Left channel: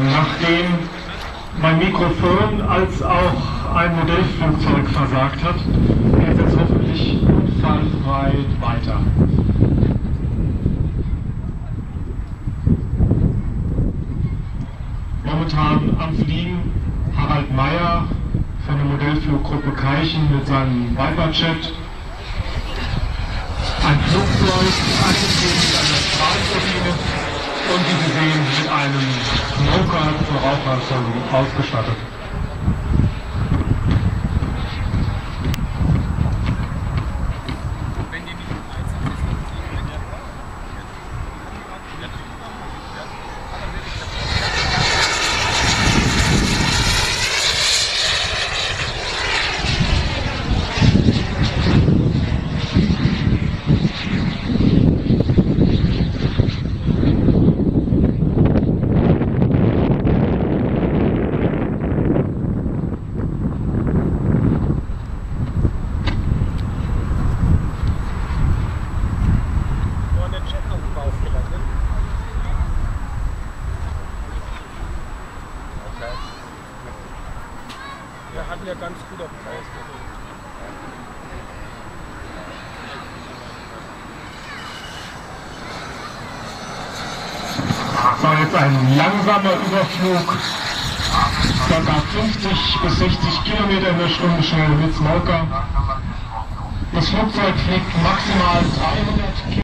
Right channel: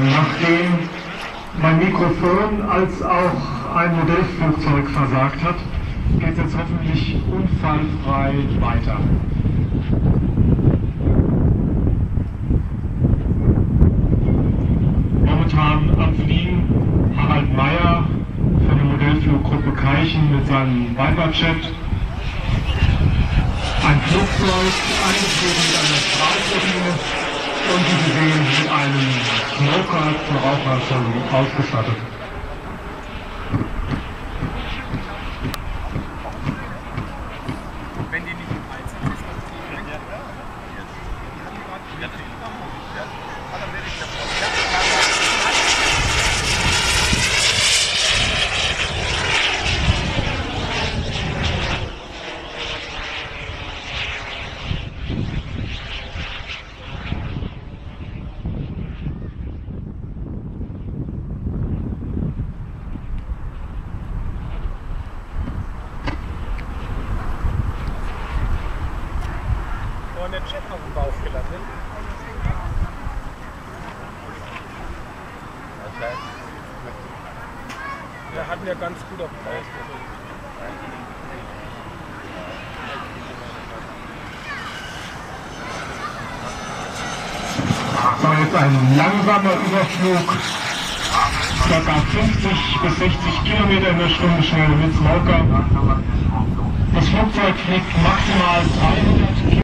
Nachdem mein Mikrofon als auch ein Modellflugzeug versagt hat, geht es jetzt hoffentlich unfallfrei weiter. Momentan am Fliegen Harald Meyer von der Modellfluggruppe Keichen mit seinem Viper-Jet. Ein Flugzeug, angeflogen mit einer Strahlturbine und wie Sie sehen mit einem Smoker zur Rauchererzeugung ausgestattet. Wenn die nicht im Einsatz ist, dann ist die ja. Den Jet auf den Bauch gelassen. Okay. Wir hatten ja ganz gut auf den Bauch. Das war jetzt ein langsamer Überflug, ca. 50 bis 60 Kilometer in der Stunde schnell mit Smoker. Das Flugzeug fliegt maximal 300 Kilometer.